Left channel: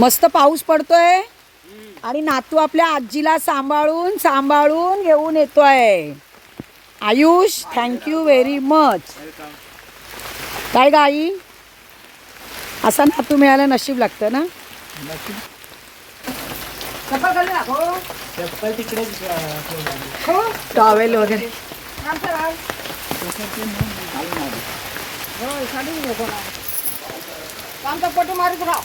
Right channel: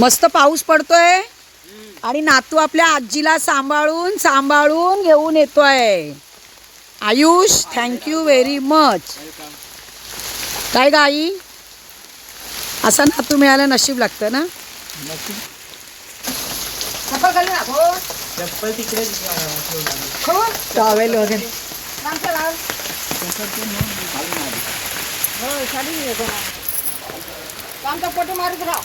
मस्त पाऊस पडतोय आणि नातू आपल्या आजीला सांभाळून सांभाळून घेऊन येतोय. Ayush thank you very much. काय गाई असा नातू मिळायला नशीब लागतं ना. चप्पल घालू ना. हो चप्पल तिकडे हो टॉवेल वगैरे काम पोटी मारत राहा.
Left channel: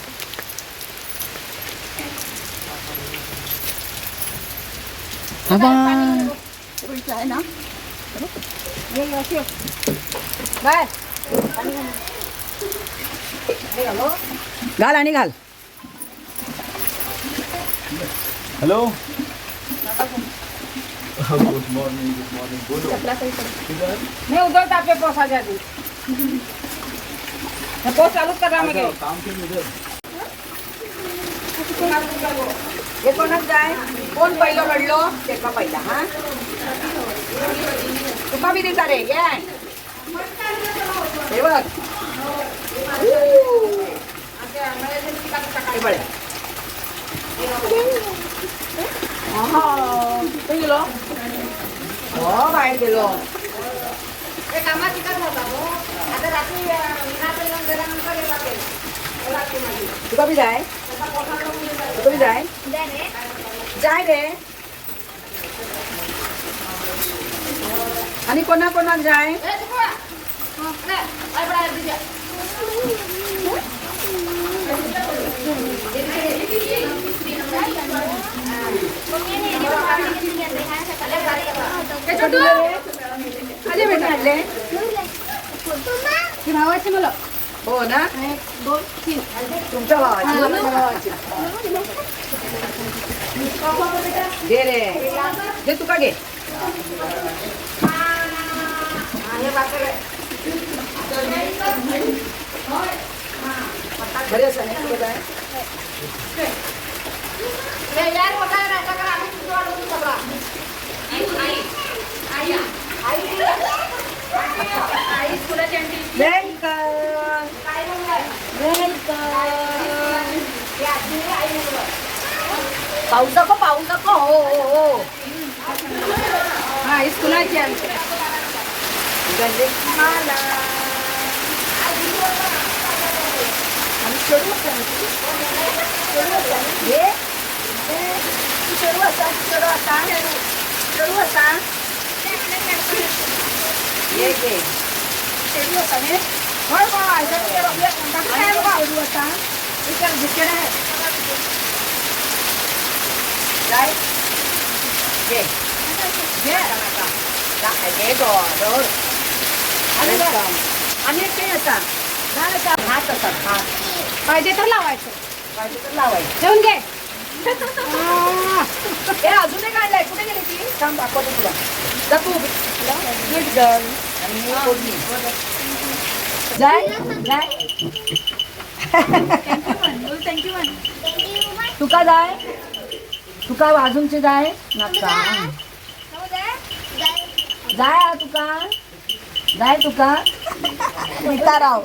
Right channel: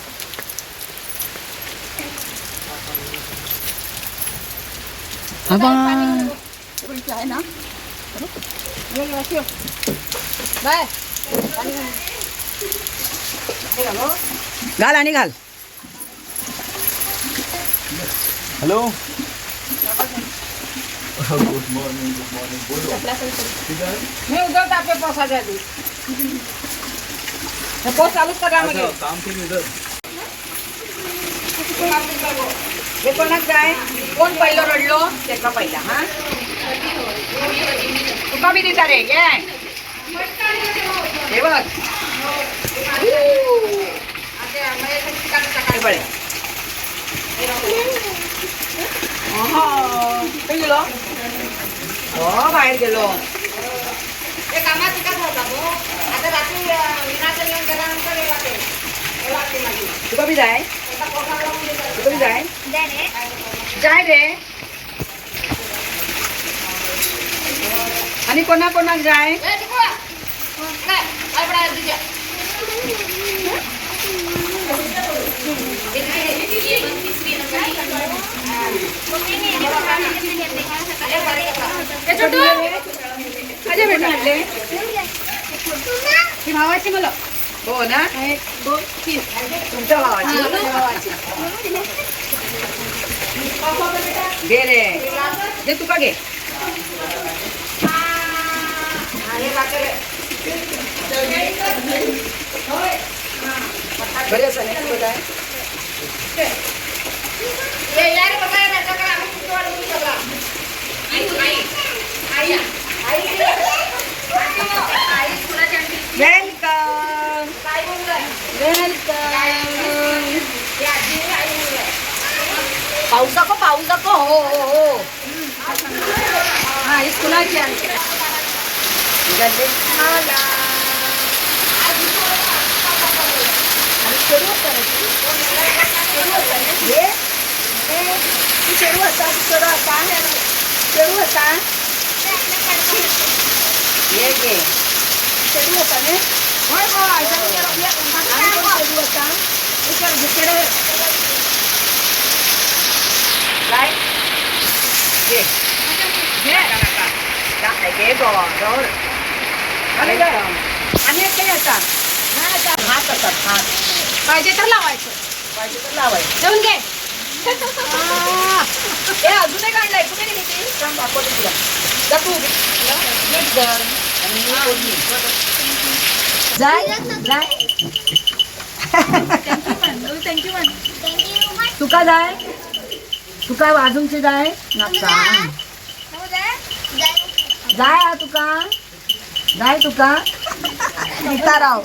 आहे ना घाल आणि घाल. हॅलो गुड मॉर्निंग बोलो. मी उधर टाकते पावसाच्या आधी. पाऊस चालूच करा म्हणजे काम केलं इधर. हे कोणाक जाय कोण पहिलं रडलो त्याचा पहिला. हा तुका बी देता रे घे. हे बघ हे बळे गेलो हो बाहेर गेलो. तुका बी जाय तुका बी जाय जाय रे. आणि कोणा कोणाक जाय भावाची मला. हो ना 2 3 तुमच्या भावाची घे रे. घे तुका घे. बरे असं नाही तू बघाय वेलकम वेलकम. पाऊस नको हो हो हो. हा ही स्कूलाची आमची हात असतात हात पाहिजे तर लावायचं जेवून घे. हे अजूनही काढलंय कुठे गेली ती सांग दाखवते तुला. जा तू जाय जाय. तुका जाय तुका वाजूंचे जाय नाका जाय. हा तुका जाय तुका सीताराव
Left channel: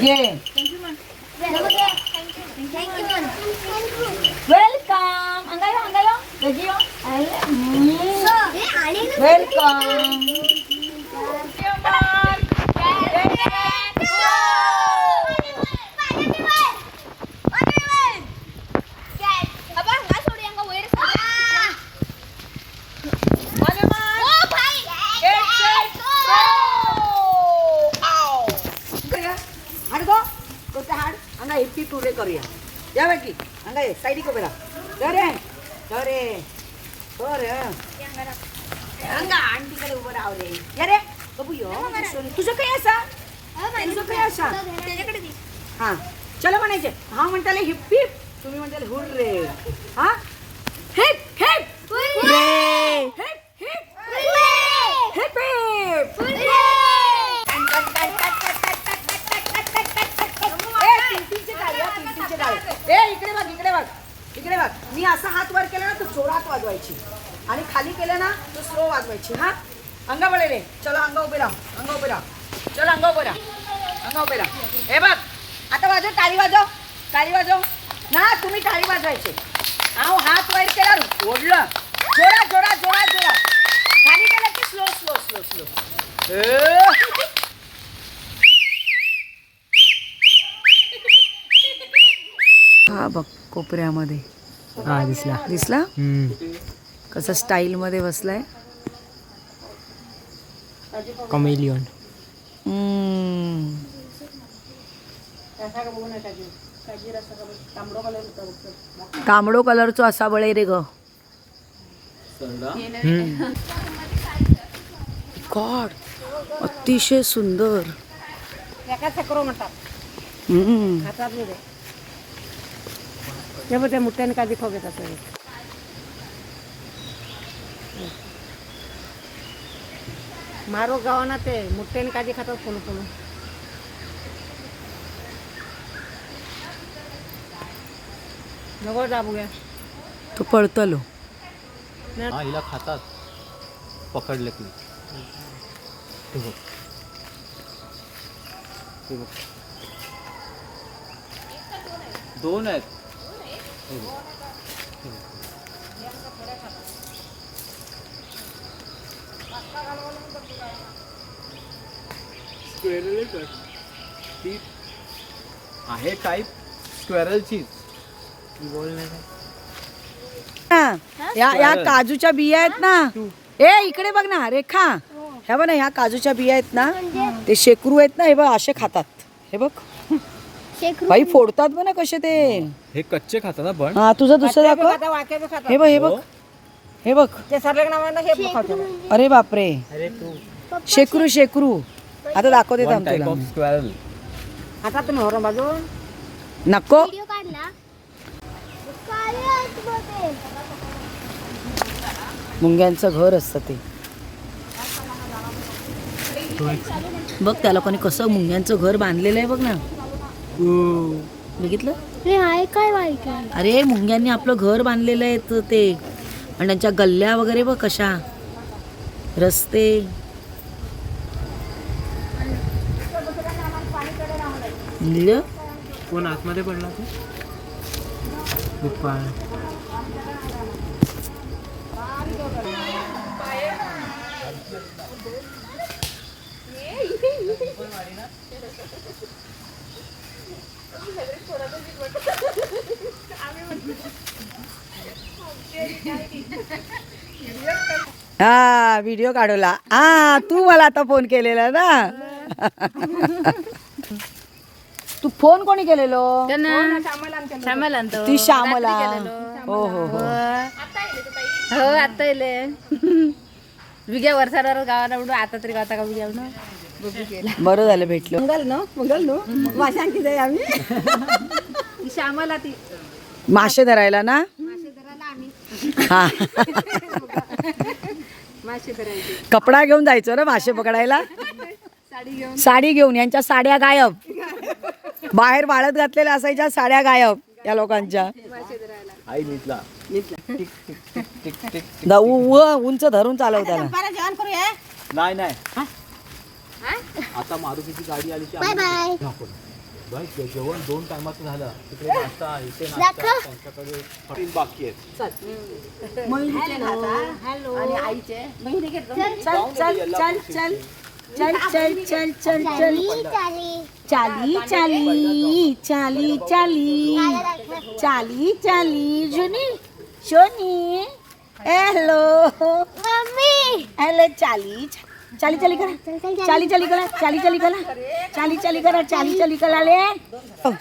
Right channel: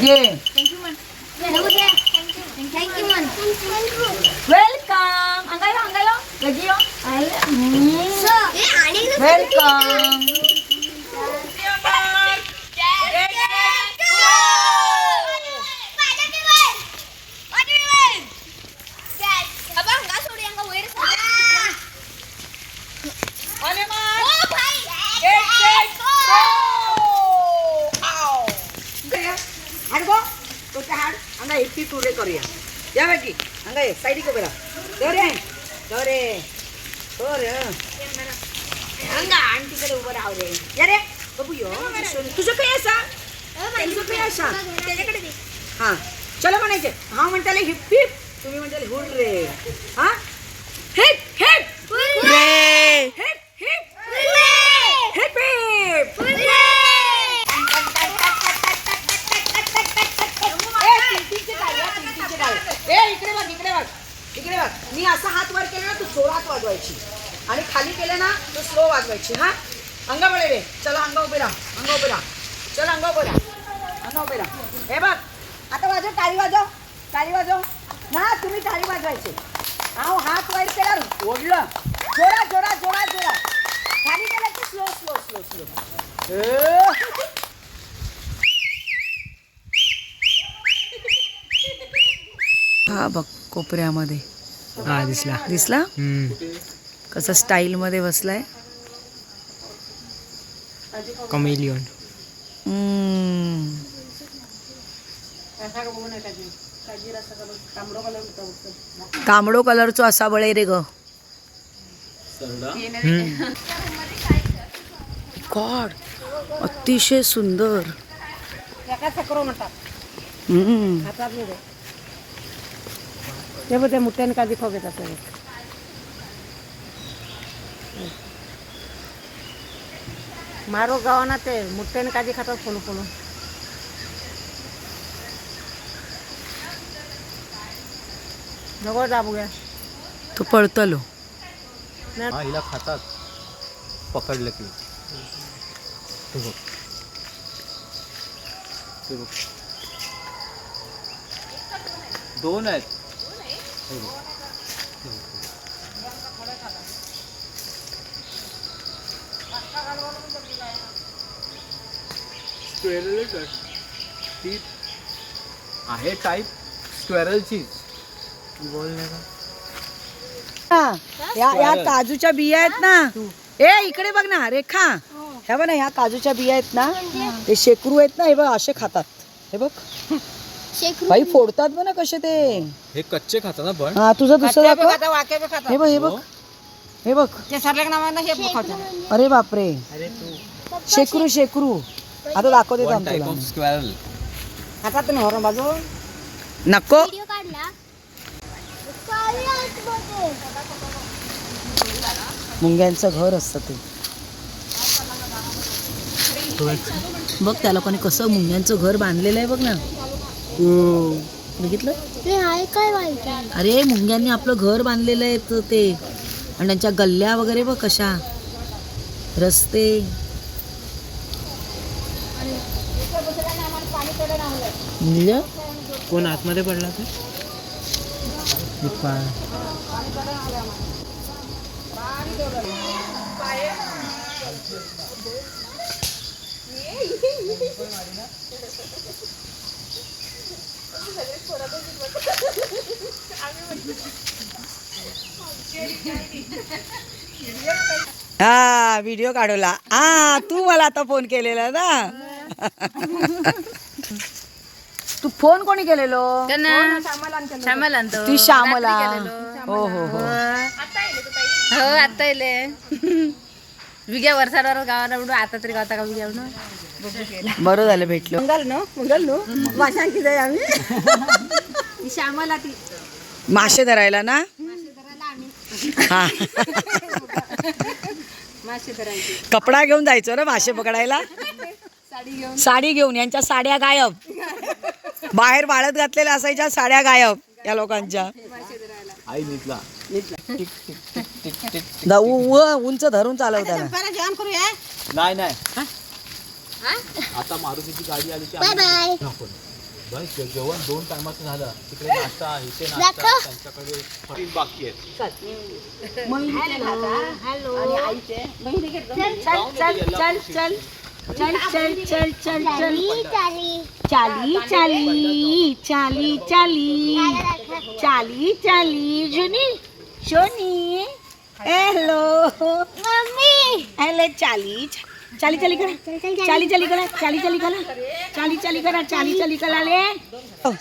घे. वेलकम अंगायो अंगायो गजियो वेलकम. इतकी टुरे करूया या बाकी अंगा ये साईड को बेरा दरे दरे दरे अंगा आंटीकडे उभं राहू रे. या रे बघू यो तुझं काही असा तुझं काही असा हा चला म्हणायचे. हा म्हणताले हिप हिप तुम्ही म्हणताले हुर रे. हा हिप हिप रे हिप हिप हिप हिप. इकडे बघ इकडे बघ इकडे बघ. मी असा हात वर केला ना तू जोरात वाजवायची आणि खाली केलं ना तू स्लो वाजवायची. हा अंगा बळे रे. चला अंगा उभे राहा अंगा उभे राहा. चला अंगा उभे राहा अंगा उभे राहा. हे बघ आता वाजव टाळी वाजव टाळी वाजव ना, तुम्ही टाळी वाजवायचे. आव हात वर केला, ओढलं, जोरा जोरा जोरा जोरा, खाली गेला की स्लो स्लो स्लो स्लो. हा बघ कोपऱ्यामध्ये हा दिसला. दिसला कसं स्टाईल मध्ये बसलाय. कमेलियन. तांबडो कलरचो असा बळे रे ग. गॉड अतिशय सुंदर. मुठ्याने काय दिखाव मारो गावाना ते मुठ्याने काजी खातात फोन फोन. नको दाबू घ्या तो पळतलो. हिला खातात पकडले की. हे बघ. हे बघ. दोन आहेत. हे बघ. हे बघ. ती आहे टाईप स्क्वेरलची. या काजूच्या बिया आहेत ना, ए इकडे बघ ना रेखा, ह्या बघ ना, ह्या काजूच्या बिया आहेत ना, ते शेकरू आहेत ना, हे बघ असे खातात. हे बघ बाई फोडतात बघ ना कसे ते. हे कच्चे खातात ना पण. हा तुझं दुसरं दाखव. वाक्य बी खातात. हे बघ हे बघ हे बघ. ते सरलेक नावानं हे खातात. अरे बापरे, शेकरू शेकरू. आता दाखवते वन थांब टाईप तुला. Of squirrel. खातात तुम्ही होरं बाजू. नको मुंग्यांचं घर असतं ते. बघ त्या लोकांनी कसं मुंग्यांचं घर बांधलेलं आहे बघ ना. बघितलं. अरे मुंग्यांनी आपलं घर बांधलेलं आहे ते, आणि त्यांच्या गल्ल्या वगैरे बघ कशा, रस्ते. कोण आतमध्ये पडला ते. हा व्हिडिओ काढवला. हा तू मला आता फोन केलेला ना. तू फोन कोणी केलेलो. ती श्यामला. हो हो हो हो आता येले विग्या वर्षावर गावाला उडू. आता तरी गावता का विग्या उडू. बरं झालं भेटलो. श्यामला ती मासे धरायला ना. हा मासे धरायची. कपडा घेऊन जायचो ना मासे पकडायला. साडी घेऊन. यांच्या साड्या गायब, बाहेर वाळत घातलेल्या असायच्या साड्या गायब या लोकांच्या. आई नीटला. उंच धरून चालवताना. जेवण करूया. नाही नाही आता मारुतीची गाडी आली की आम्ही आपण बाई जेवण 2 टायमाचं झालं. तिकडे नाश्ता, इथे नाश्ता, त्यांच्याकडे तीन बाकी आहेत. चल चल चल चल चल चल चल चल चाली चाली चाली चाली चाली चाली जुनी शोनी. Hello hello. चाली चाली चाली करा, चाली चाली करा, चाली चाली करा, चाली चाली करा, चाली चाली करा ले.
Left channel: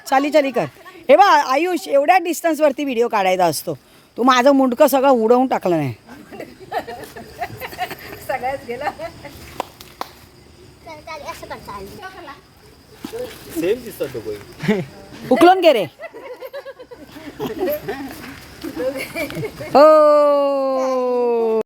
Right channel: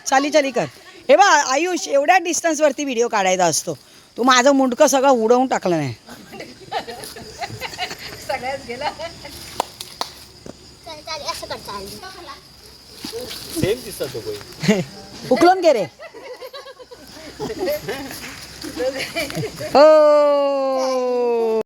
चाली चाली कर. हे बा आयुष, एवढ्या डिस्टन्स वरती व्हिडिओ काढायचा असतो. तू माझं मुंडकं सगळं उडवून टाकलं नाही. सेम दिसतात दोघे. उकलून घे रे. हो